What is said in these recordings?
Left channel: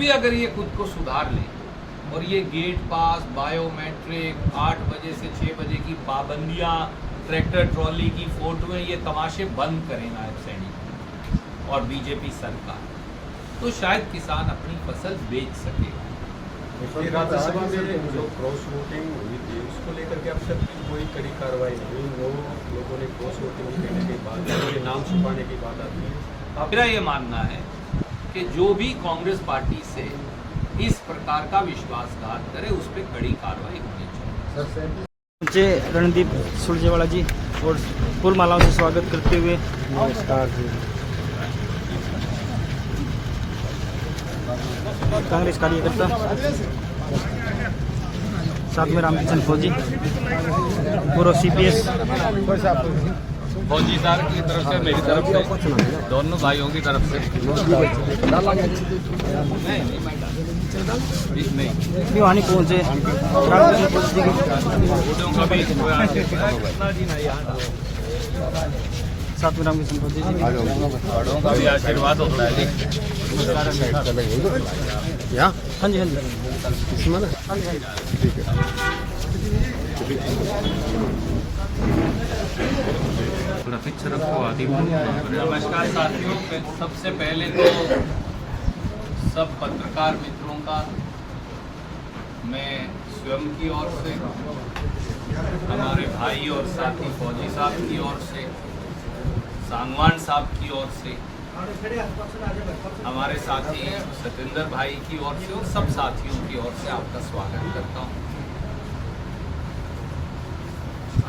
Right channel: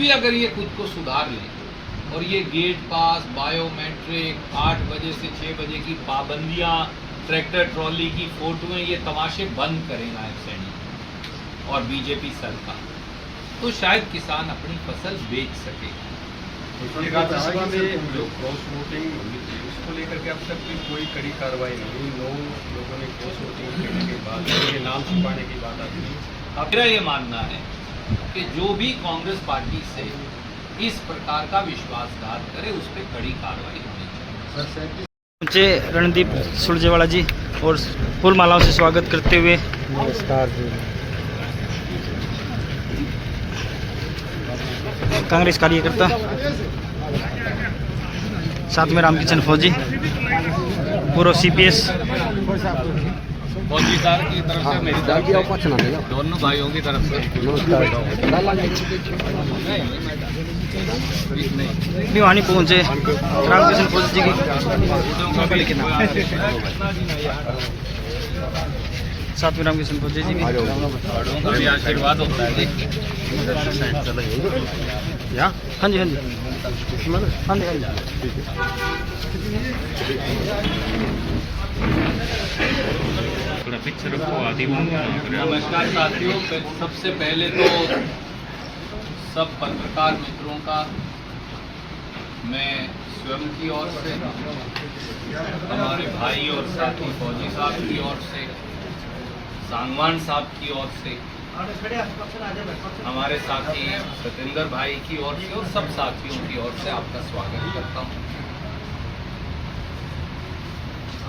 भी अगर ये खुद को सुधार ले और ये गेट पास, बायोमेट्रिक, 8 बजे से 6 बजे की पाबंदियां, ट्रैक्टर ट्रॉली की फोटोएं, ये तमाशे बंद करें नायब सैनी और बीजेपी सरकार, तो शायद किसान अपनी फसल बेच सकेगा। राज्यसभा में जो क्रॉस वोटिंग हुई थी उसको लेकर के अब तक भी कोई कड़ी कार्रवाई नहीं हुई। 9 लोगों ने क्रॉस वोटिंग करने के बाद ये नाम छुपाने की बात आती है। मेरा ये मानना है कि जो भी कांग्रेस पार्टी से इस प्रकार का विश्वासघात करे उस पर कड़ी कार्रवाई होनी चाहिए। मुझे रणदीप सुरजेवाला जी और फूल मालाओं से स्वागत करते हुए नमस्कार जी। कांग्रेस कार्यकर्ता, साथ में रामकिशन फौजी, पूर्व CPS, फौजीदार की तरफ से, मेरी तरफ से, दोनों भाइयों की तरफ से भी वहाँ पहुँचे। रामकिशन फौजी जी की साथ में रामकिशन फौजी जी बड़ों का भी आशीर्वाद होता है। हाँ जी हाँ जी हाँ जी। नमस्कार साथियों, सबसे पहले तो सब पत्रकार मित्रों का मैं स्वयं की ओर से, हमारे भाई और साथी फौजी साहब की ओर से, सांगवान साहब की ओर से, हमारे साथी सतेंद्र भाई की ओर से और सब साथियों की ओर से आपका स्वागत करता हूं।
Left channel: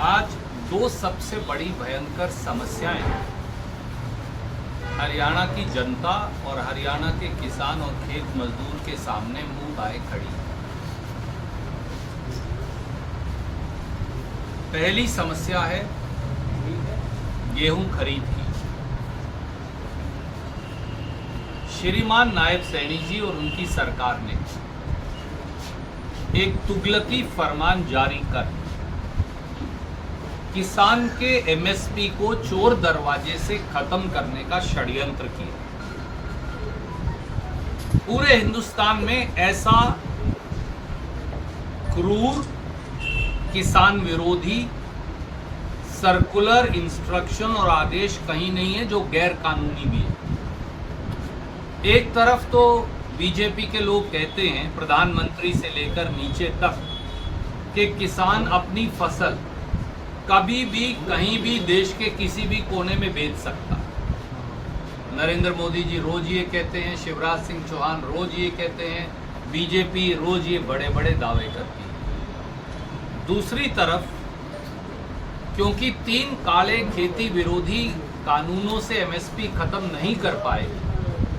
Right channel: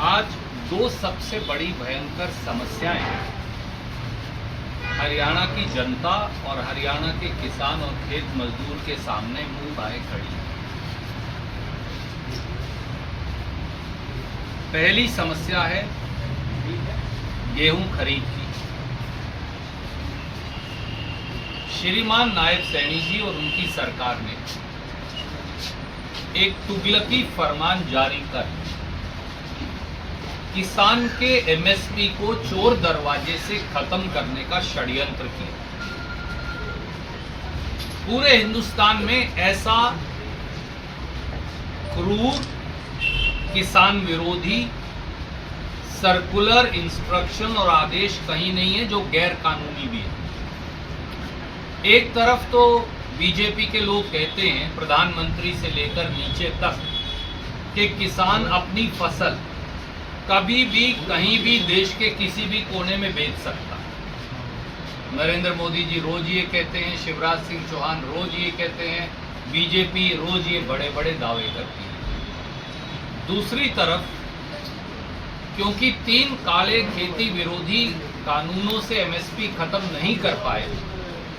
आज दो सबसे बड़ी भयंकर समस्याएं हरियाणा की जनता और हरियाणा के किसान और खेत मजदूर के सामने मुंह बाए खड़ी है। पहली समस्या है गेहूं खरीद की। श्रीमान नायब सैनी जी और उनकी सरकार ने एक तुगलकी फरमान जारी कर किसान के MSP को चोर दरवाजे से खत्म करने का षड्यंत्र किया। पूरे हिंदुस्तान में ऐसा क्रूर, किसान विरोधी सर्कुलर, इंस्ट्रक्शन और आदेश कहीं नहीं है जो गैर कानूनी भी है। एक तरफ तो बीजेपी के लोग कहते हैं, प्रधानमंत्री से लेकर नीचे तक, कि किसान अपनी फसल कभी भी कहीं भी देश के किसी भी कोने में बेच सकता है। नरेंद्र मोदी जी रोज ये कहते हैं, शिवराज सिंह चौहान रोज ये कहते हैं, बीजेपी रोज ये बड़े बड़े दावे करती है। दूसरी तरफ क्योंकि 3 काले खेती विरोधी कानूनों से MSP खत्म नहीं कर पाए,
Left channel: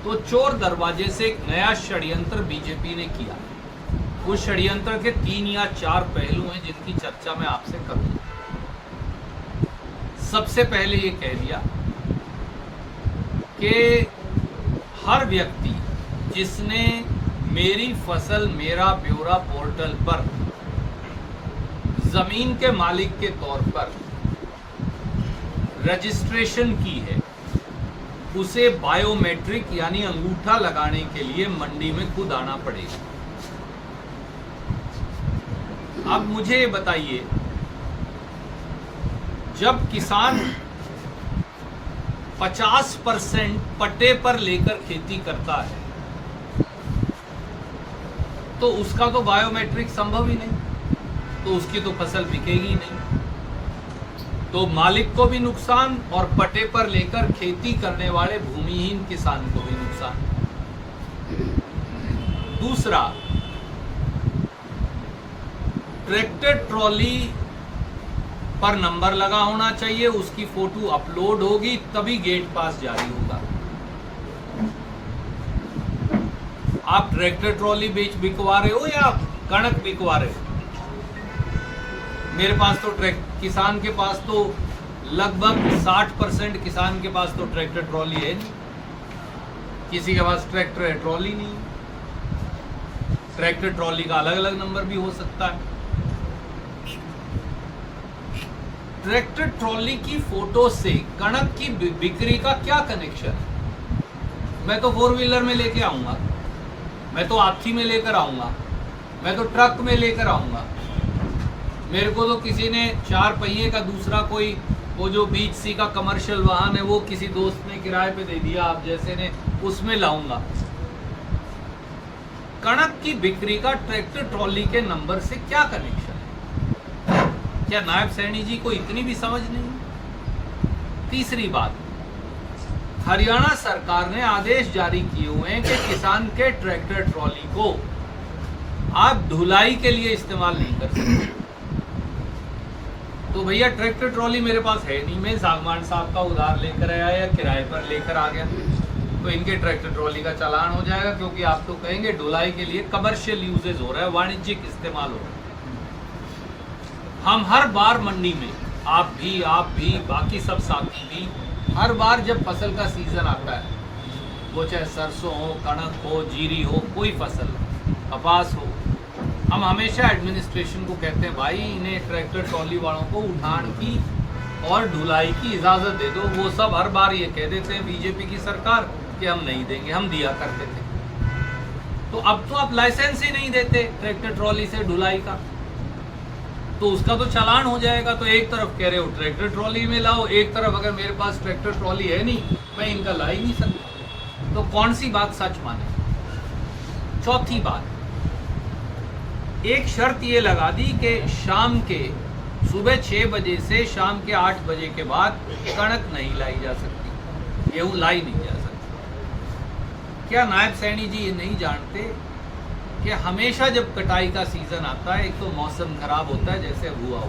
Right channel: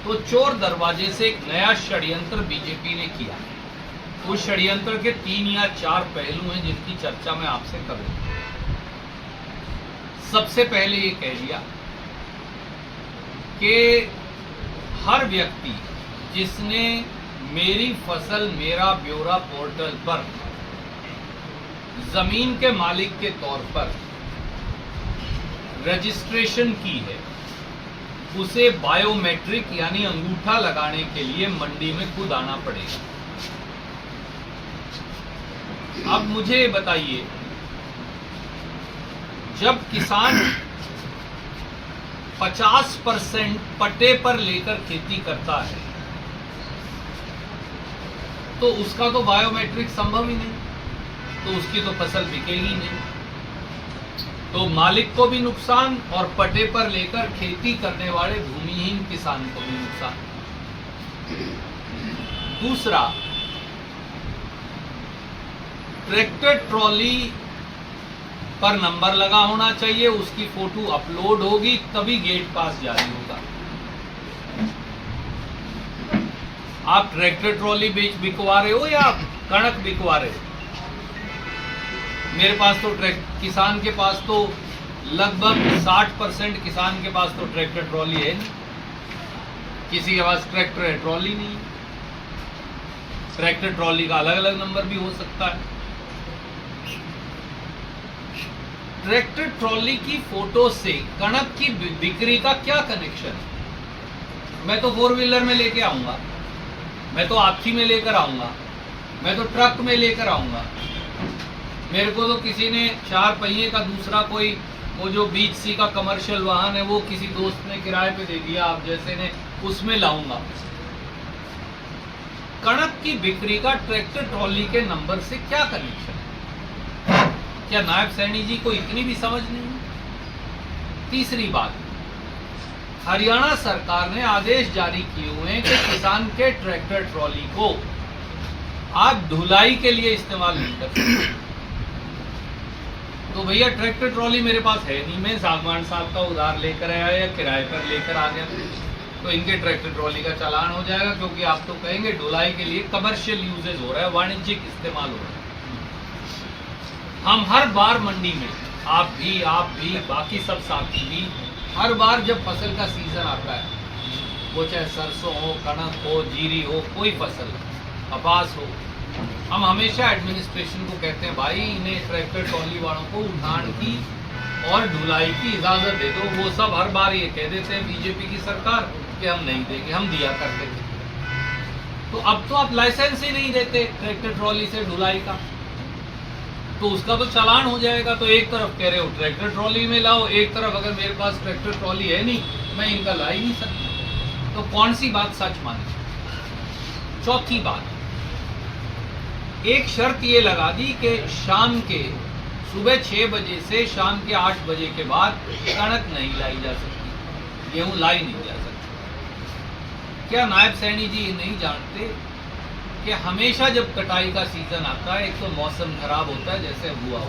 तो चोर दरवाजे से एक नया षड्यंत्र बीजेपी ने किया। उस षड्यंत्र के 3 या 4 पहलू हैं जिनकी चर्चा मैं आपसे करूंगा। सबसे पहले ये कह दिया कि हर व्यक्ति जिसने मेरी फसल मेरा ब्यौरा पोर्टल पर जमीन के मालिक के तौर पर रजिस्ट्रेशन की है, उसे बायोमेट्रिक यानी अंगूठा लगाने के लिए मंडी में खुद आना पड़ेगा। अब मुझे ये बताइए, जब किसान 50% पट्टे पर लेकर खेती करता है तो उसका तो बायोमेट्रिक संभव ही नहीं, तो उसकी तो फसल बिकेगी नहीं। तो मालिक को भी नुकसान और पट्टे पर लेकर खेती करने वाले भूमिहीन किसान को भी नुकसान। दूसरा, ट्रैक्टर ट्रॉली पर नंबर लगा होना चाहिए, उसकी फोटो अपलोड होगी तभी गेट पास जारी होगा। आप ट्रैक्टर ट्रॉली बिकवा रहे हो या कणक बिकवा रहे हो? मेरे पास तो किसान के पास तो लगभग 60% किसान के पास तो ट्रैक्टर ट्रॉली है नहीं, किसी के पास ट्रैक्टर है ट्रॉली नहीं। ट्रैक्टर ट्रॉली का अलग अलग नंबर भी हो सकता है। ट्रैक्टर ट्रॉली की फोटो से कणक की बिक्री का क्या कनेक्शन है? मैं तो 4 व्हीलर में लेके आऊंगा, मैं तो हाथी में लेकर आऊंगा, मैं तो ट्रक में लेकर आऊंगा। मेरे को तो किसी ने 4 पहिए का दूसरा कोई वो जो बीच सी का कमर्शियल वाहन है वो किसी दोस्त ने किराए पे दे दिया, आप जैसे ने, उसमें लाऊंगा। कणक की बिक्री का ट्रैक्टर ट्रॉली के नंबर से क्या कनेक्शन है? क्या नायब सैनी जी को इतनी भी समझ नहीं है? तीसरी बात, हरियाणा सरकार ने आदेश जारी किए हुए हैं कि किसान के ट्रैक्टर ट्रॉली को आप ढुलाई के लिए इस्तेमाल नहीं कर सकते। तो भैया ट्रैक्टर ट्रॉली मेरे पास है नहीं, मैं सागवान साहब का उधार लेकर आया या किराए पर लेकर आ गया, तो इनके ट्रैक्टर ट्रॉली का चालान हो जाएगा, क्योंकि आप तो कहेंगे ढुलाई के लिए कमर्शियल यूजेज हो रहा है, वाणिज्यिक इस्तेमाल हो रहा है। हम हर बार मंडी में, आप भी बाकी सब साथी भी, हर बार जब फसल का सीजन आता है, वो चाहे सरसों हो, कणक हो, जीरी हो, कोई फसल, कपास हो, हम हमेशा एडमिनिस्ट्रेशन को कहते हैं भाई इन्हें ट्रैक्टर ट्रॉली वालों को उठान की और ढुलाई की इजाज़त दे दो। वो सब हर बार ये कह देते हैं बीजेपी की सरकार कि हम नहीं देंगे, हम दिया करते थे। तो अब तो आप लाइसेंस ही नहीं देते ट्रैक्टर ट्रॉली से ढुलाई का, तो उसका तो चालान हो जाएगा। तो एक तरफ कह रहे हो ट्रैक्टर ट्रॉली में लाओ, एक तरफ अगर मेरे पास ट्रैक्टर ट्रॉली है नहीं, मैं इनका ला ही नहीं सकता, तो कौन सी बात सच माने? चौथी बात, एक शर्त ये लगा दी कि शाम के सुबह 6 बजे से शाम के 8 बजे के बाद कणक नहीं लाई जा सकती, गेहूं लाई नहीं जा सकती। क्या नायब सैनी जी ये नहीं जानते कि हमेशा जब कटाई का सीजन आता है, एक तो मौसम खराब होता है जैसे हुआ,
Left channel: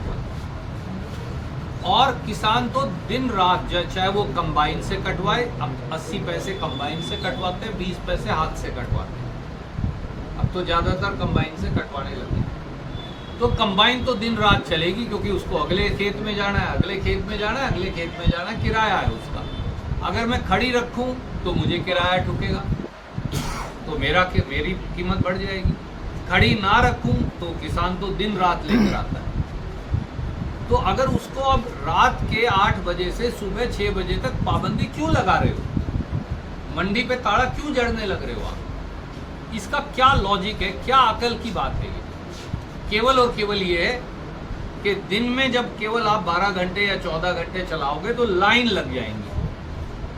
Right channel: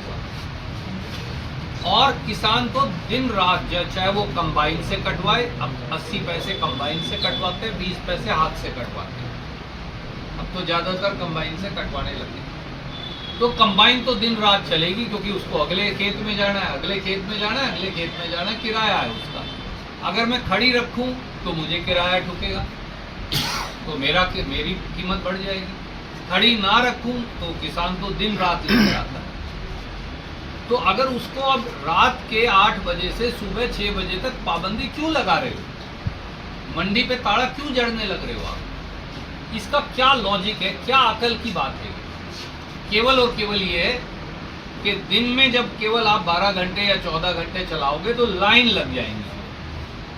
और किसान तो दिन रात, चाहे वो कंबाइन से कटवाए, अब 80 पैसे कंबाइन से कटवाते हैं, 20 पैसे हाथ से कटवाते हैं, अब तो ज्यादातर कंबाइन से कटवाने लगे। तो कंबाइन तो दिन रात चलेगी, क्योंकि उसको अगले खेत में जाना है, अगले खेत में जाना है, अगले खेत में जाना है, किराया है उसका। अगर मैं खड़ी रखूं तो मुझे किराया ठुकेगा, तो मेरी कीमत बढ़ जाएगी। खड़ी ना रखूं तो किसान तो दिन रात लेकर आता है। तो अगर उसको अब रात के 8 बजे से सुबह 6 बजे तक पाबंदी क्यों लगा रहे हो? मंडी पे ताला क्यों जड़ने लग रहे हो आप? इसका क्या लॉजिक है, क्या अकल की बात है? केवल और केवल ये है कि दिन में जब केवल आप 12 घंटे या 14 घंटे चलाओगे तो लाइन लग जाएंगी।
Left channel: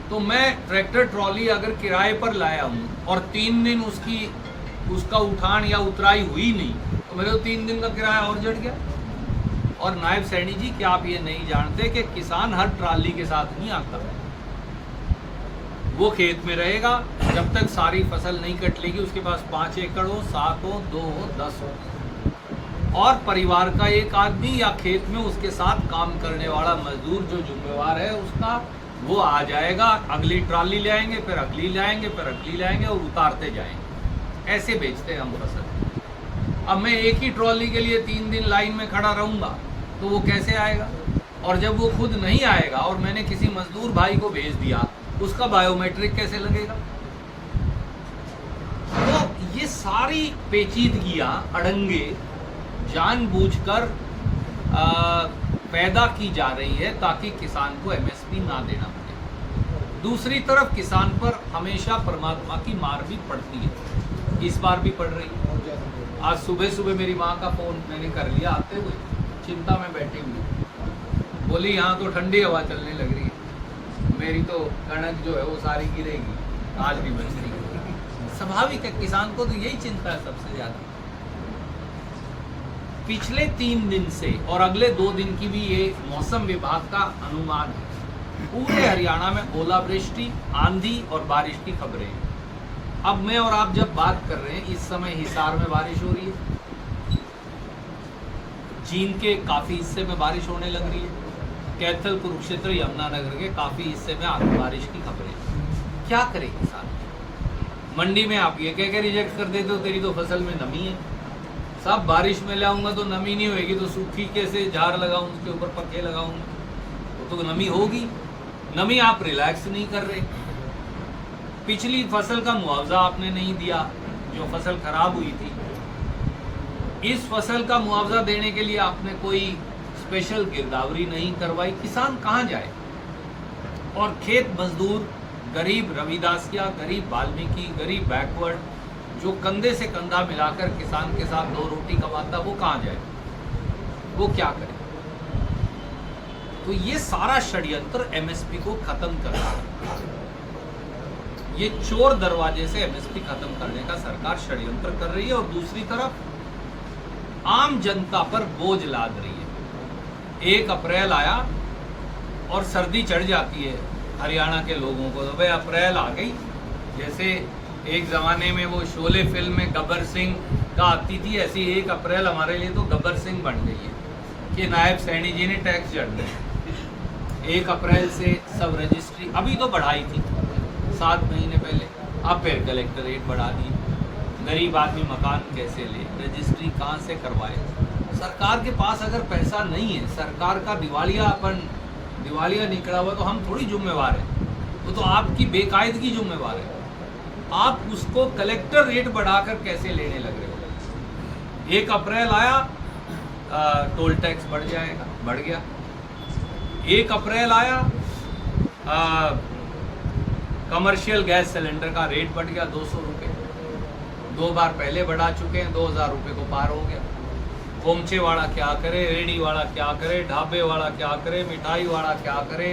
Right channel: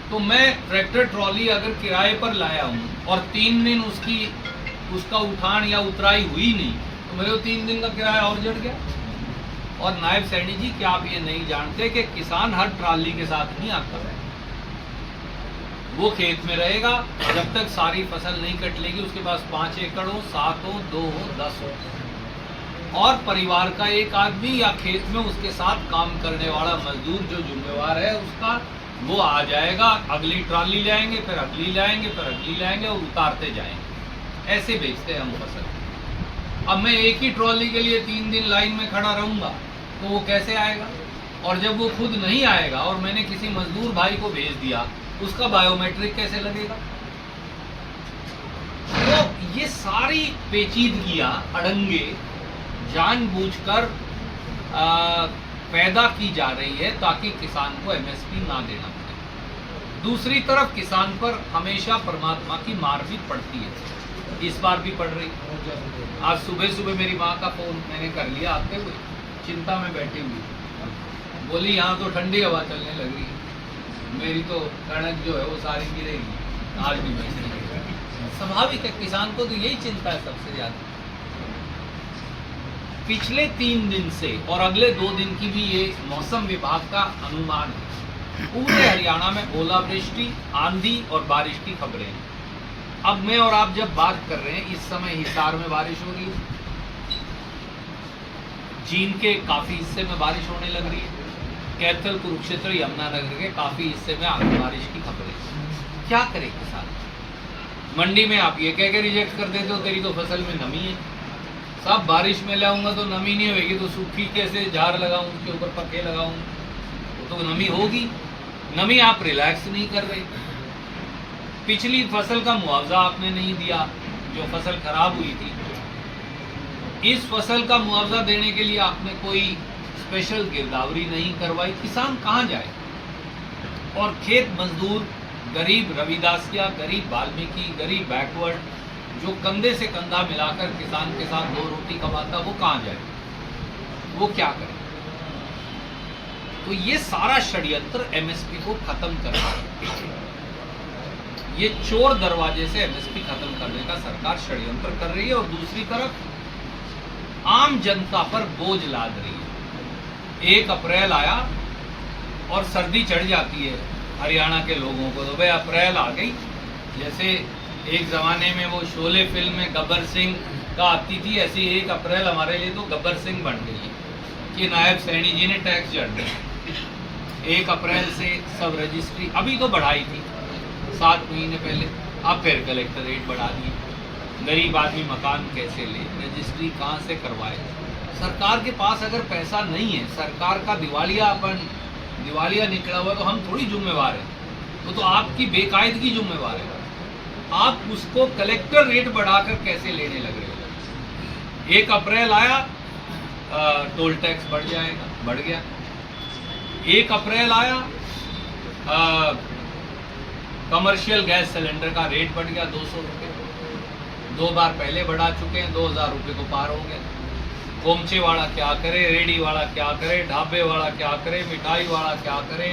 तो मैं ट्रैक्टर ट्रॉली अगर किराए पर लाया हूँ और 3 दिन उसका उठान या उतराई हुई नहीं, तो मेरे को 3 दिन का किराया और जड़ गया। और नायब सैनी जी, क्या आप ये नहीं जानते कि किसान हर ट्राली के साथ नहीं आता है? वो खेत में रहेगा जब तक सारी फसल नहीं कट लेगी, उसके पास 5 एकड़ हो, 7 हो, 2 हो, 10 हो, और परिवार का एक आदमी या खेत में उसके साथ काम करने वाला मजदूर जो जिम्मेवार है उसका, वो आ जाएगा, अगली ट्राली ले आएंगे, फिर अगली ले आएंगे, फिर अगली ले आएंगे, और उतारते जाएंगे। ऐसे बेचते हैं हम फसल। अब मैं एक ही ट्रॉली के लिए 3 दिन लाइन में खड़ा रहूँगा तो वो कैसे आएगा? और जब वो खुद नहीं आएगा और मैंने किसी मजदूर भाई को भेज दिया, उसका बायोमेट्रिक कैसे लगेगा? तो ये सारी पेचीदगियां, अड़ंगे जानबूझकर पैदा की जा रही है ताकि किसान को एमएसपी ना देना पड़े। दूसरी तरफ किसान पर हमेशा परमात्मा की मार भी पड़ती है, इस बार भी पड़ रही है। आज सुबह मेरी माँ का फोन मैंने कर लिया आते हुए, चिंता में बैठी हुई, बोली यहाँ तो ठंडी हवा चलने लग रही है, मेरी तो कणक जो है वो सारी गिरेगी, आज भी बेचने लगेगी। स्वाभाविक है, किसान को तो यही चिंता है सबसे ज्यादा। पिछले 3 दिन से और अगले 2 दिन की भी ये मौसम विभाग का अनुमान है, पूरे हरियाणा में ओलावृष्टि, आंधी और बारिश की खबरें हैं। अब मैं और आप जब बात कर रहे हैं, इस समय हिसार में बारिश हो रही है, जींद के काफी हिस्से में बारिश होने लग रही है, कैथल, कुरुक्षेत्र, यमुनानगर के काफी हिस्से में आधी बारिश की खबरें। क्या करे किसान? मंडी में आप ये कह के रिजेक्ट कर देते हो तेरी तो फसल में नमी है, सब बारिश में ले आऊंगा तो नमी नहीं होगी, तो सूखी कैसे झाड़ लगाऊं, उसके ऊपर पक्के लगाऊंगा, वो तो नमी होगी। नमी आप रिलैक्स नहीं कर रहे। पिछली फसल का मुआवजा आपने नहीं दिया, जो फसल खराब हुई थी। इस फसल का मुआवजा देने के लिए आपने कोई स्पेशल गिरदावरी नहीं करवाई। किसान कहाँ जाए? और खेत मजदूर, गरीब रविदासिया, गरीब वाल्मीकि, गरीब बैकवर्ड, जो कंधे से कंधा मिलाकर किसान के साथ दो रोटी कमाता, वो कहाँ जाए, वो क्या करे? तो ये सारा षड्यंत्र एमएसपी को खत्म करना है। ये चोर दरवाजे से एमएसपी खत्म करने का सरकार षड्यंत्र कर रही है और दूसरी तरफ आम जनता पर बोझ लाद रही है। 1 अप्रैल आया और सर्दी चढ़ जाती है हरियाणा के लोगों को, तो भाई अप्रैल आ गई। जैसे एक ज़माने में वो शोले फिल्म में गब्बर सिंह का आती थी, ऐसी 1 अप्रैल हमारे लिए तो गब्बर सिंह बन गई है कि नायब सैनी जी ने टैक्स जड़ दिया। 1 अप्रैल से सब रजिस्ट्री अभी तो बढ़ाई थी 7 महीने पहले, अब फिर कलेक्टर रेट बढ़ा दिए। गरीब आदमी मकान कैसे ले, रजिस्ट्री कहाँ से करवाए? सरकार के पास अगर पैसा नहीं है, सरकार का दिवालिया निकला हुआ, तो हम थोड़ी जिम्मेवार हैं, वो तो आपकी बेकायदगी जिम्मेवार है। आप उसको कलेक्टर रेट बढ़ाकर कैसे लेने लग रहे हो? 1 अप्रैल आया, टोल टैक्स बढ़ गया। 1 अप्रैल आया, कमर्शियल गैस सिलेंडर का रेट बढ़ गया 200 रुपये। 2 बार पहले बढ़ा चुके हैं, 2000 रुपये को पार हो गया। कोमचे वाला क्या करे, रेडी वाला क्या करे, ढाबे वाला क्या करे, मिठाई वाला क्या करे,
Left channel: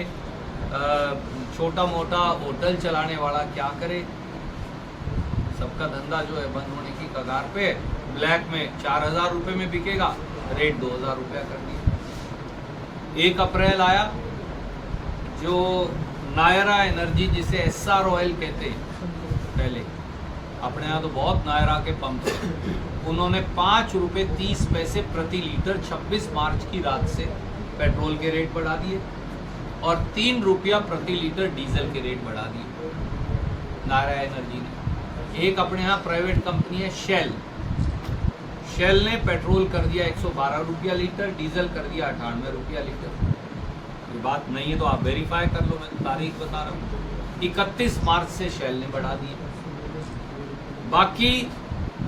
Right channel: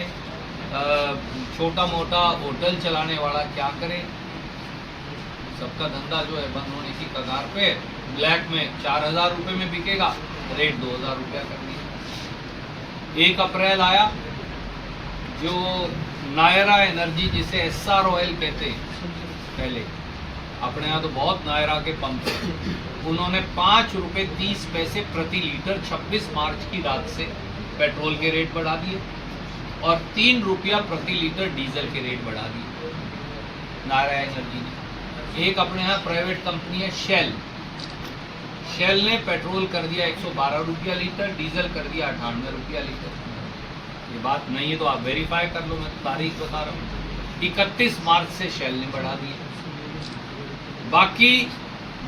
छोटा मोटा होटल चलाने वाला क्या करे? सबका धंधा जो है बंद होने की कगार पे। ब्लैक में 4000 रुपये में बिकेगा, रेट 2000 रुपया कर दिया। 1 अप्रैल आया, जो नायरा एनर्जी, जिसे एसआर ऑयल कहते हैं, पहले अपने यहाँ तो बहुत नायरा के पंप थे, उन्होंने 5 रुपये 30 पैसे प्रति लीटर 26 मार्च की रात से पेट्रोल के रेट बढ़ा दिए और 3 रुपया प्रति लीटर डीजल के रेट बढ़ा दिए नायरा एनर्जी ने। एक अपने यहाँ प्राइवेट कंपनी है शेल ने पेट्रोल कर दिया 112 रुपया लीटर, डीजल कर दिया 98 रुपया लीटर। ये बात नहीं है तो आप वेरीफाई कर लो, मैं तारीख बता रहा हूँ। 31 मार्च से शेल ने बढ़ा दिया। बाकी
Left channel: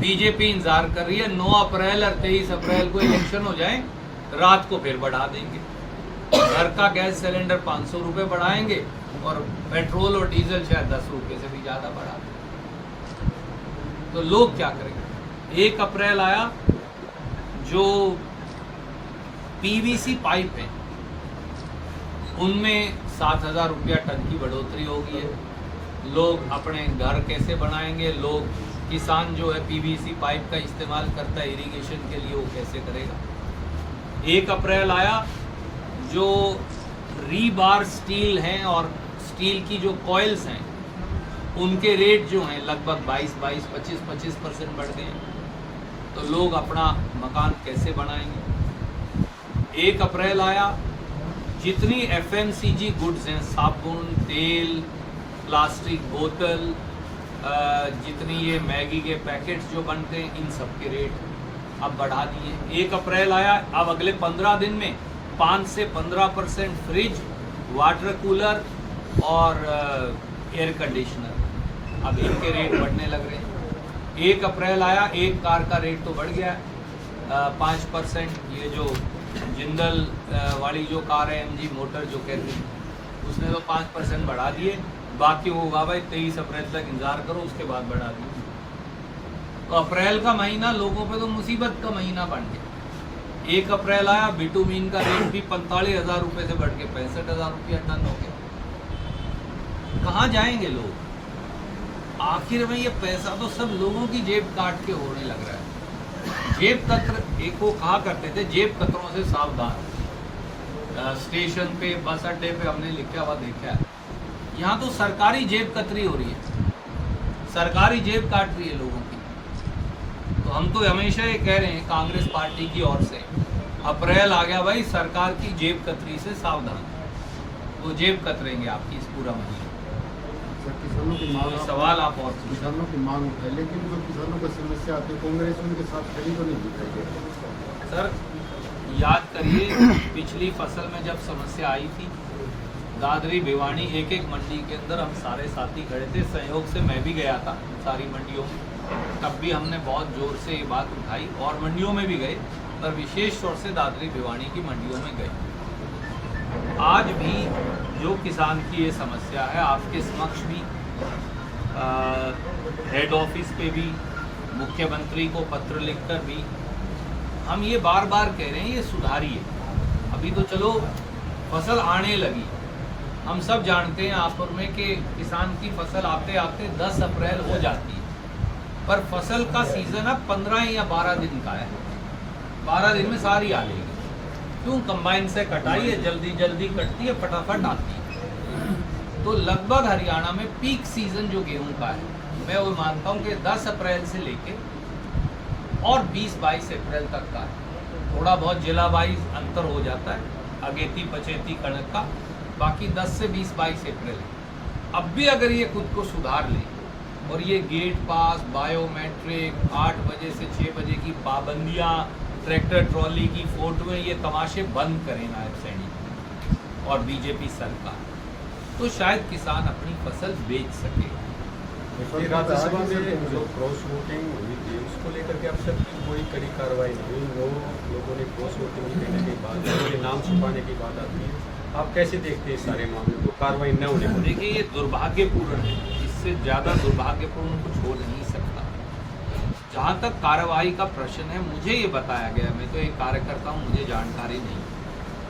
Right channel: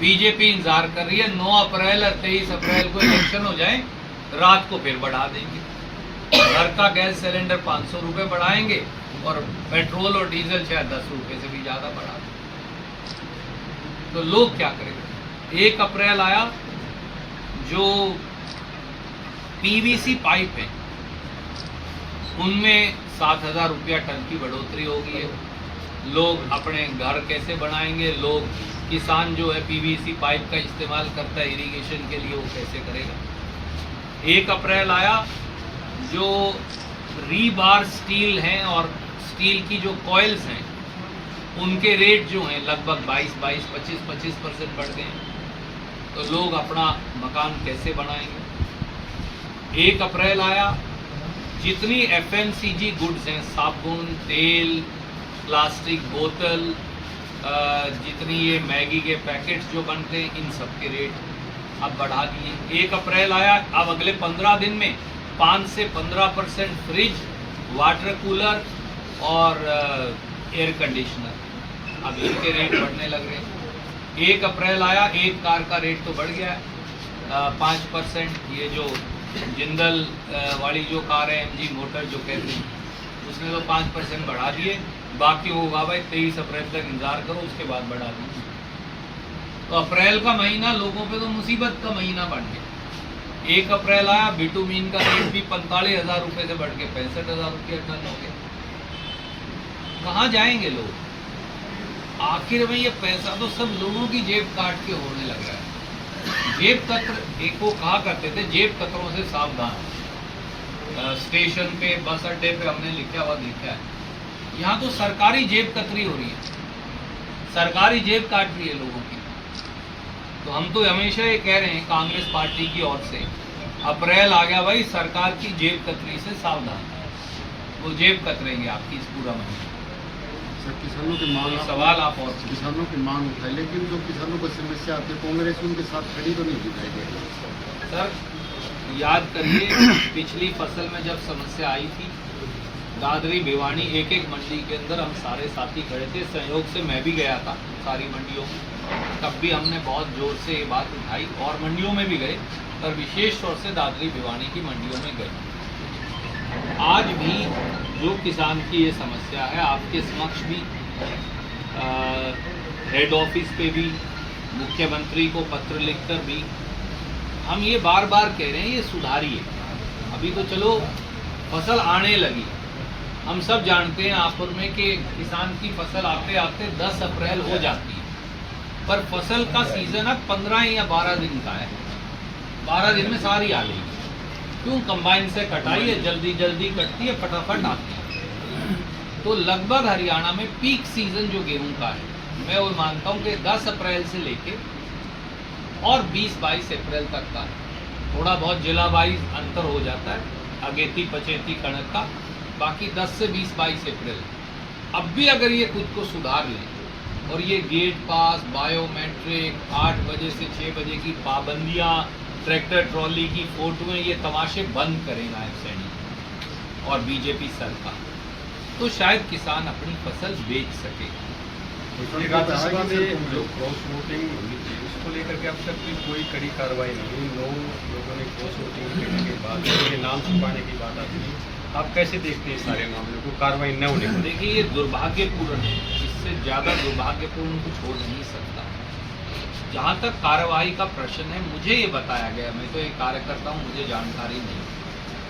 बीजेपी इंतजार कर रही है 9 अप्रैल और 23 अप्रैल को इलेक्शन हो जाए, रात को फिर बढ़ा देंगे। घर का गैस सिलेंडर 500 रुपये बढ़ाएंगे और पेट्रोल और डीजल शायद 10 रुपये से भी ज़्यादा बढ़ा देंगे। तो लोग क्या करेंगे? 1 अप्रैल आया, जो पीवीसी पाइप है उनमें 7000 रुपया टन की बढ़ोतरी हो गई है। लोग अपने घर कैसे बनाएंगे? लोग, किसान जो है पीवीसी पाइप का इस्तेमाल करता है इरिगेशन के लिए, वो कैसे करेगा? 1 अप्रैल आया, जो रीबार स्टील हैं और स्टील की जो कॉइल्स हैं उनके रेट जो हैं लगभग 25% बढ़ गए हैं। तो लोग अपना मकान कैसे बनाएंगे? 1 अप्रैल आया, जितनी एफएमसीजी गुड्स हैं, साबुन, तेल, प्लास्टिक बोतल, जितनी ये मैगी के पैकेट्स जो बनते हैं, इन सब के रेट अब बढ़ा दिए। 1 अप्रैल आया, अब अगले 15 दिन में 5 से 15% फ्रिज, वाटर कूलर और एयर कंडीशनर, अब इनके रेट बढ़ने लग रहे हैं। 1 अप्रैल आया, एक कार का रेट तो बढ़ गया 5%। ये जो जिंदल वाली जो कार है, एमजी मोटर जो कहते हैं, उसने तो 5% बढ़ा दिए। बाकी होगा भाई 23 अप्रैल तक इंतजार करो, उसके बाद बढ़ा दिए। तो अप्रैल का महीना लोगों पे तो मुसीबत का महीना बन गया। 1 अप्रैल आया, बिटुमीन का रेट भी 45,000 रुपये से बढ़ के 65,000 रुपया टन हो गया। कहाँ जाएंगे लोग? आखिर में ये पैसा तो सब लोगों की जेब काट के होने लग रहा है। जेब कतर, एक वो कहा करते थे, जेब कतरों से सावधान। स्टेशन पे, बस अड्डे पे हमने लिखा हुआ देखा है। यहाँ तो सरकारी जेब कतरी हो रही है, सरकारी जेब काट रही है लोगों की। तो हम तो हमेशा ये कह रहे हैं कांग्रेस पार्टी की ओर से, अप्रैल आ गया भाई, सरकार की जेब कतरी से सावधान। वो जेब कतरेंगे आपकी इस पूरा महीना। किसानों की मांग, सवाल आप और किसानों की मांग है, लेकिन जो किसानों को समस्या आती है, कांग्रेस उनके साथ खड़ी तो नहीं दिखेगी। सर याद करिए, पिछली फसल में जब समस्या आई थी, दादरी भिवानी एक मंडी के अंदर हम सारे साथी खड़े थे, सहयोग से मैं भी गया था सारी मंडियों में। तब भी हमने बहुत जोर से ये बात उठाई और मंडियों में भी गए, पर विशेष तौर से दादरी भिवानी की मंडियों में गए। आज भी जो किसान की ये समस्या है, आपके समक्ष भी हेड ऑफिस पे भी मुख्यमंत्री को पत्र लिखकर भी हम ये बार बार कह रहे हैं, ये सुधारिए। अभी तो चलो फसल आने लगी, हम सब जानते हैं आपस में कि किसान की फसल आते आते 10 अप्रैल हो जाती है, पर फसल का सीज़न अब 15 या 12 दिन का है। 12 दिन में सारी आ जाएगी। क्यों? कंबाइन से कटाई है, जल्दी जल्दी कटती है, फटाफट आती है। तो लगभग हरियाणा में पीक सीज़न जो गेहूं का है, मैं वो मानता हूँ कि 10 अप्रैल से लेके और 20-22 अप्रैल तक का है। थोड़ा बहुत जिला वाइज अंतर हो जाता है, अगेती पचेती कणक का, बाकी 10 से 20-22 अप्रैल। अब भी अगर ये खुद को सुधार ले और ये गेट पास, बायोमेट्रिक, 8 बजे से 6 बजे की पाबंदियाँ, ट्रैक्टर ट्रॉली की फोटोएं, ये तमाशे बंद करें नायब सैनी और बीजेपी सरकार, तो शायद किसान अपनी फसल बेच सकेगा। ये राज्यसभा में जो क्रॉस वोटिंग हुई थी उसको लेकर के अब तक भी कोई कड़ी कार्रवाई नहीं हुई। 9 लोगों ने क्रॉस वोटिंग करने के बाद उनके नाम छुपाने की बात आती है। आप कैसे देखते हैं इस सारे मामले को, कार्रवाई न होने को? देखिए, ये दुर्भाग्यपूर्ण है, इससे ज़्यादा दुर्भाग्यपूर्ण कुछ हो नहीं सकता। जहाँ तक कार्रवाई का प्रश्न है, मुझे ये बताया गया, मैं तो एक कार्यकर्ता हूँ, मुझे जानकारी नहीं,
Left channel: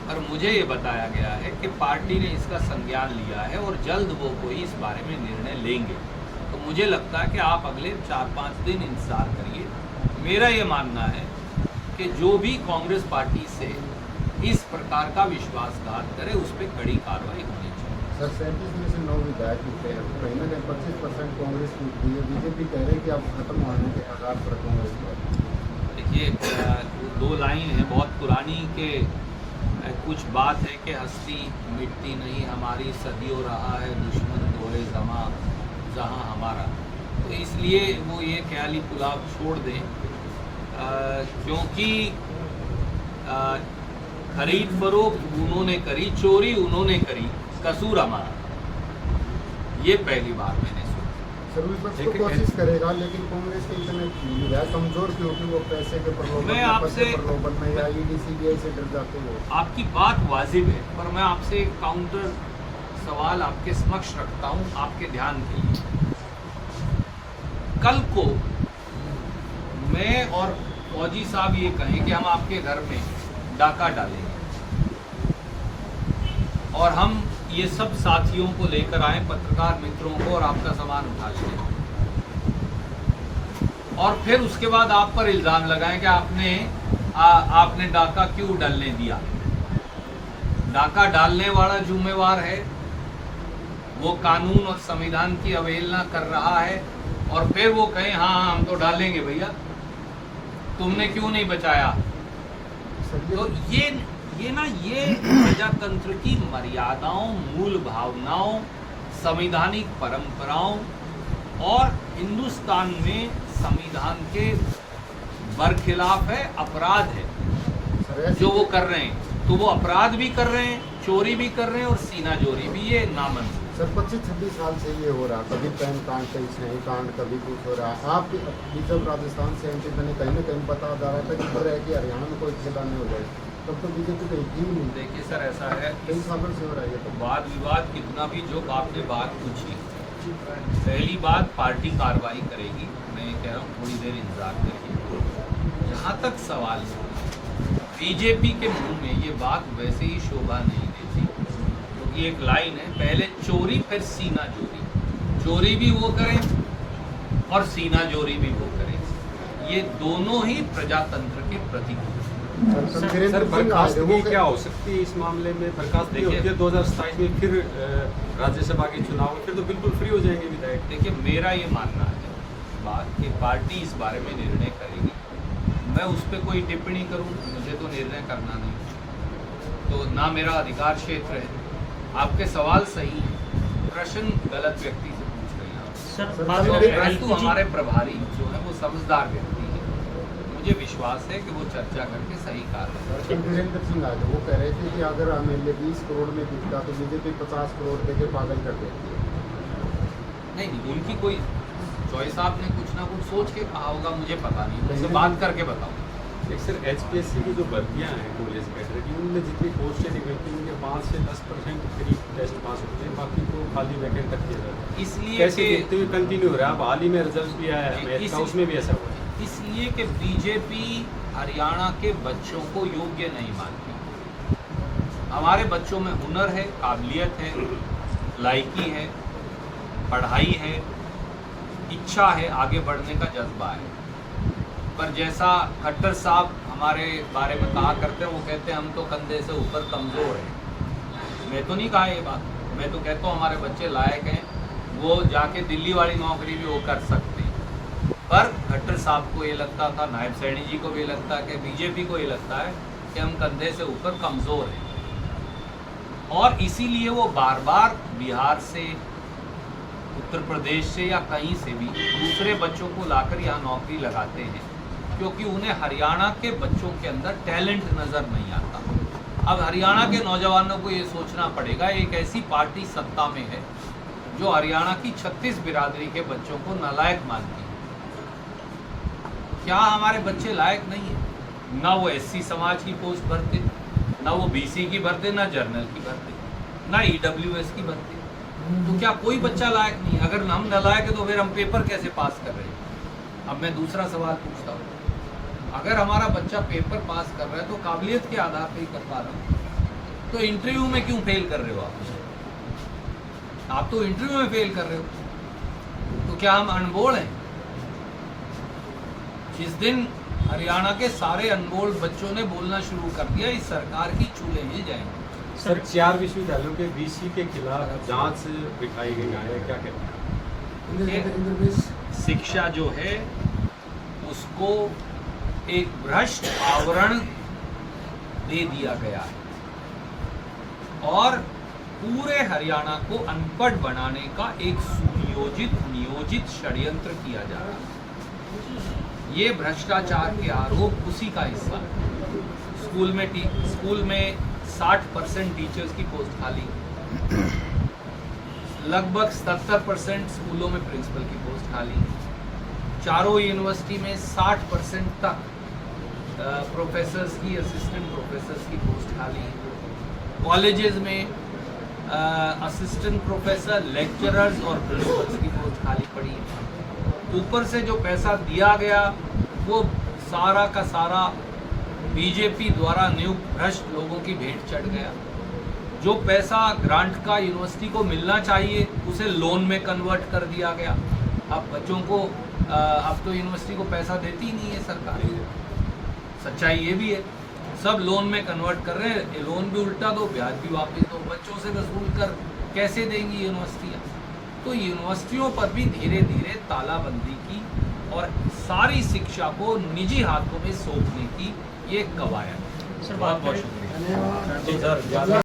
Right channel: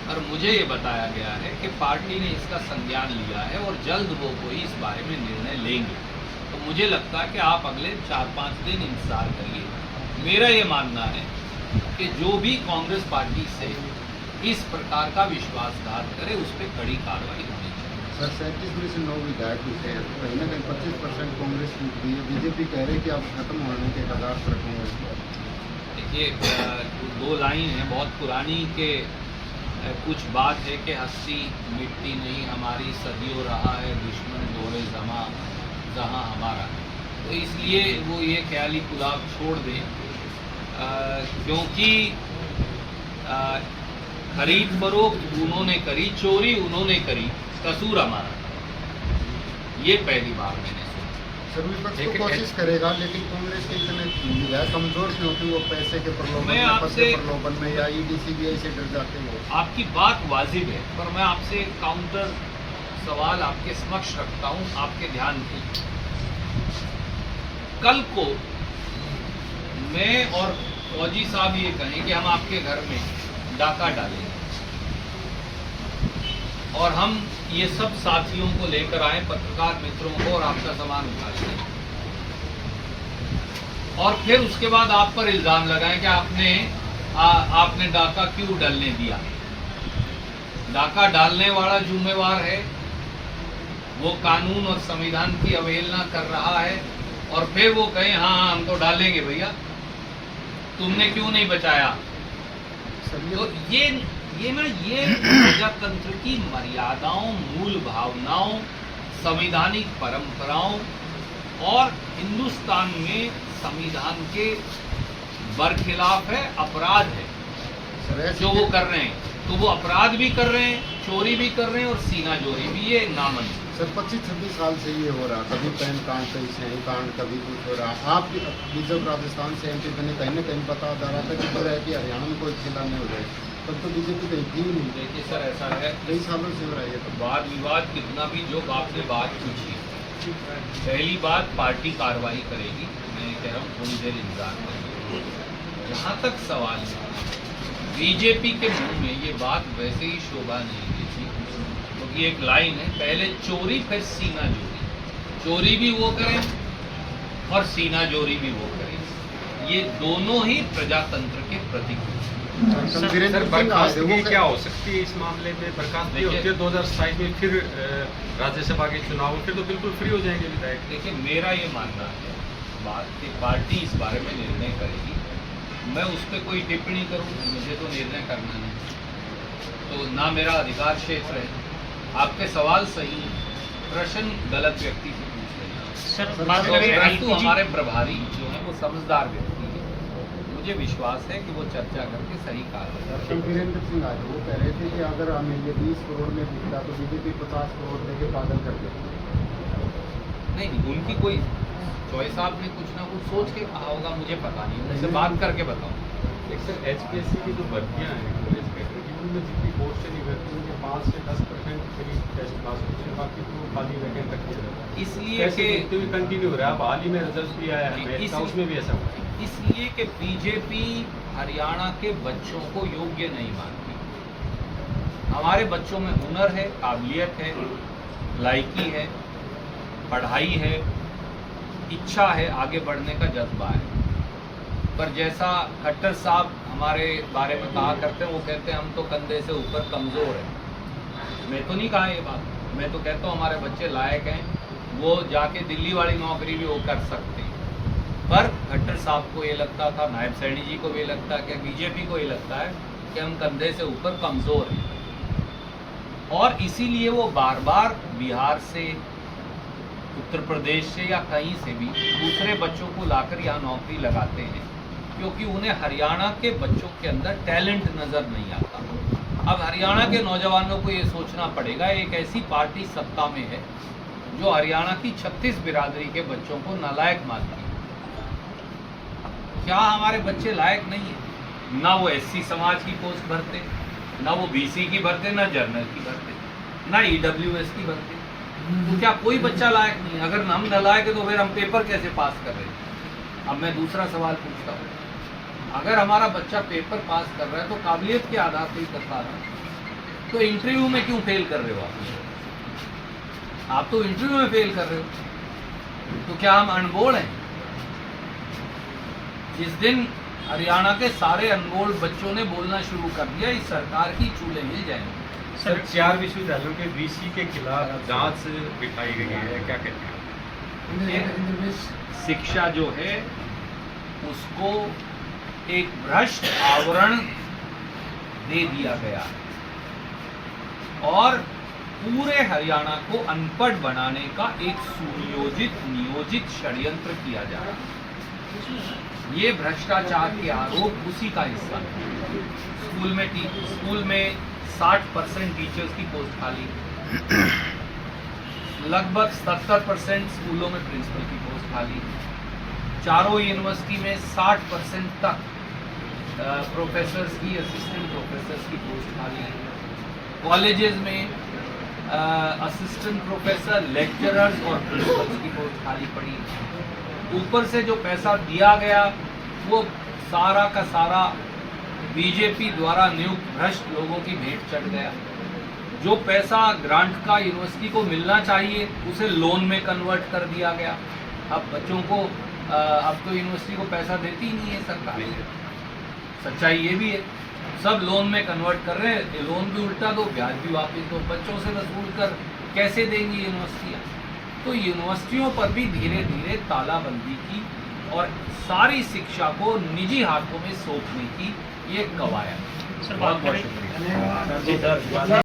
और मुझे ये बताया गया है कि पार्टी ने इसका संज्ञान लिया है और जल्द वो कोई इस बारे में निर्णय लेंगे। तो मुझे लगता है कि आप अगले 4-5 दिन इंतजार करिए। मेरा ये मानना है कि जो भी कांग्रेस पार्टी से इस प्रकार का विश्वासघात करे, उस पर कड़ी कार्रवाई होनी चाहिए। सर 37% 9 विधायक जीते हैं, कहीं ना कहीं 25% कांग्रेस जीत गई है। बीजेपी कह रही है कि आप खत्म होने के आधार पर कांग्रेस। देखिए, 2 लाइन है बहुत पुरानी के कुछ बात है कि हस्ती मिटती नहीं हमारी, सदियों रहा है दुश्मन दोहे जमा जहाँ हमारा। तो इसलिए वो ये ख्याली पुलाव छोड़ दें, क्योंकि खरीद फरोख्त उन्होंने करी, चोरी उन्होंने करी, कसूर हमारा। ये पहली बार मैंने सुना। सर विपक्ष तो कोशिश करेगा, लेकिन कांग्रेस के इतने विधायक कमजोर क्यों कि वो पैसे के प्रलोभन मैं आपसे प्रलोभन में या ईडी सीबीआई से डर जाते हो? आपकी बात वाजिब है, पर मैं आपसे एक काउंटर सवाल आपके समक्ष रखता हूं, आपके ध्यान के। कल को मैं और फौजी साहब ये कहें कि हम आपके घर में डाका डालेंगे और हम ये सब साथियों को लेकर आए, पत्रकार मित्रों को, और आपका सामान उठा लें, और फिर उसके बाद आप पर इल्जाम लगाएं कि आपने डाका क्यों डालने दिया। डाका डालने वाला जिम्मेवार है, वो कानून और संविधान की अवहेलना कर रहा है, और फिर वो कहें हाँ हम तो डालेंगे भैया, तुमने क्यों नहीं बचाया। तो ये प्रजातंत्र की मर्यादाओं, मूल भावनाओं, संवैधानिक परंपराओं और हिंदुस्तान में संविधान के बरखिलाफ है, अपराध है जो वो कर रहे हैं। तो वो अपराध भी कर रहे हैं, चोरी भी कर रहे हैं और सीना जोरी भी, ये नामंजूर। सर 25-26 साल से ये हो रहा, कभी पैन कांड, कभी सही कांड, कभी कुछ हो रहा। आप जब राजस्थान से एमपी बने, कहीं ना कहीं पता जा रहा था कि डर है कि हरियाणा में कोई खुदा नहीं हो जाए, तब तो बीजेपी कहीं थी नहीं। देखिए सर, ऐसा है, कई सालों से हो रहा है। तो वाद विवाद कितना भी, जो आपने बात पूछी, पहली बात पार्टी कार्रवाई करेगी, मैं कह रहा हूँ थोड़ी देर इंतजार करेंगे। जहाँ तक सवाल है, बीजेपी के मुंह में ये बात वैसे ही शोभा नहीं देती, क्योंकि एक लाइन है, पहले चोरी फिर सीना जोरी। चोरी भी वो करें और सीना जोरी भी वो करें, ये दोनों ही प्रजातंत्र के प्रतीक। सर बर्खास्तगी क्या हो सकती है इस मामले में? बर्खास्तगी होती है 2027 में, फिर राज्यसभा के चुनाव, फिर तो बिल्कुल फ्री हो जाएंगे विधायक। देखिए, मेरा ये मानना है बात कि पार्टी इस बारे में निर्णय करेगी, मैं उस पर कोई टिप्पणी करूं, मुझे तो निर्णय करना नहीं, तो ना मेरा अधिकार क्षेत्र है। आपके सवाल सही हैं, प्रश्न गलत व्यक्ति से पूछ रहे हैं, परंतु हमारे प्रभारी जो है वो समझदार व्यक्ति है, मुझे विश्वास है कि वो चर्चा करके सही कार्रवाई। वीरेंद्र सिंह आज वो कह रहे थे कि अगर एमएलए 20 करोड़ में बिकता तो बीजेपी 50 करोड़ देके पागल कर देती। नहीं, उनकी कोई चॉइस, आपने कुछ ना कुछ सोच के कहा होगा, मुझे पता नहीं, उनसे बात करके बताऊँ। एक सर HPSC की जो भर्तियाँ हैं कॉलेज कैडर की, उनमें जितनी पोस्ट से निकलती हैं उनके 5 से 10% करीब टेस्ट पास होते हैं, बाकी तो खाली वैकेंट रख दिया जाता है। इसलिए कैसे कि देखते हुए कंटिन्यू हो रहा है? अब हाल ही में रिजल्ट भी आया है मैथ का, उसमें भी ऐसा हुआ। इसलिए कि बीजेपी हरियाणा के बच्चों को योग्य नहीं मानती। हमारे बच्चों में हुनर है, काबिलियत है, लायकी है, पढ़ाई है, इच्छा है, आगे बढ़ने का जज्बा है। पर जैसा खट्टर साहब हमारे बारे में कहा करते हैं, वो कहते हैं हम तो कंधे से ऊपर कमज़ोर हैं। मैं तो नहीं कहा ये बात, मैं तो कहता हूँ हमारे बच्चे लायक हैं, वो जाके दिल्ली वाली नौकरी भी वो कर सकते हैं। पर खट्टर साहब को ये लगता था, नायब सैनी जी को भी लगता है, कि बीजेपी को ये लगता है कि हम कंधे से ऊपर कमज़ोर हैं, और इसीलिए वो बार बार बिहार से, उत्तर प्रदेश से या कहीं से भी दूसरे बच्चों को लाकर यहाँ नौकरी लगाते हैं, क्योंकि उन्हें हरियाणा के बच्चों के अंदर टैलेंट नज़र नहीं आता। अब हरियाणा के नौजवानों को ये सोचना पड़ेगा, एक ऐसी पार्टी सत्ता में है जो हरियाणा की 36 बिरादरी के बच्चों को नालायक मानती है। क्या हमारे बच्चे लायक नहीं है? ना वो SC समाज की पोस्ट भरते, ना वो BC की भरते, ना जर्नल की भरते, ना EWS की भरते। तो क्या कोई बच्चा लायक नहीं है? अगर हम नालायक है तो फिर हम पेपर कैसे पास कर रहे हैं? अब मैं दूसरा सवाल पूछता हूँ, अगर हमारा बच्चा पेपर पास कर रहा है तो काबिलियत के आधार पर ही कर पा रहा है, तो इंटरव्यू में क्यों फेल कर रहे हो आप तो इंटरव्यू में फेल कर रहे हो, तो क्या हम अनमोल हैं? जिस दिन हरियाणा के सारे अनमोल बच्चों ने बोलना शुरू कर दिया, इस सरकार की चूल्हे मिल जाएंगे। सर 4 विश्वविद्यालयों के VC के खिलाफ जांच बिठाई गई है, क्या कहते हैं? शिक्षा जो है उसको एक भ्रष्ट आवरण दे दिया गया और पूरे हरियाणा को अनपढ़ बनाने का एक सुनियोजित नियोजित षड्यंत्र किया जा रहा है। ये भ्रष्टाचार के आरोप उसी का हिस्सा है। स्कूल में 60% टीचर्स की पोस्ट खाली है, लगभग 70% स्कूलों में प्रिंसिपल की पोस्ट खाली है, चारों यूनिवर्सिटी में 60% तक प्रोफेसर्स की, असिस्टेंट प्रोफेसर्स की पोस्ट खाली है, कॉलेजेस में असिस्टेंट प्रोफेसर, लेक्चरर्स और प्रिंसिपल्स की पोस्ट खाली पड़ी है। ऊपर से जो पैसा दिया गया वो सारा का सारा बीजेपी द्वारा नियुक्त भ्रष्ट लोगों की भेंट चढ़ गया। जो पैसा ग्रांट का यूनिवर्सिटी को मिलना चाहिए उसे लोन में कन्वर्ट कर दिया गया। अब बच्चों को अब तो यूनिवर्सिटी को पैसा देती ही नहीं है सरकार। सच्चाई ये भी है, सब लोन में कन्वर्ट कर रहे हैं, ये लोन भी उल्टा दो, ब्याज भी वापस दो, बच्चों से वसूल कर कैसे देंगी यूनिवर्सिटियाँ? तो यूनिवर्सिटियों पर भी धीरे धीरे तालाबंदी की और सारी शिक्षा को निजी हाथों में सौंपने की ये कवायद। बहुत बहुत शुक्रिया।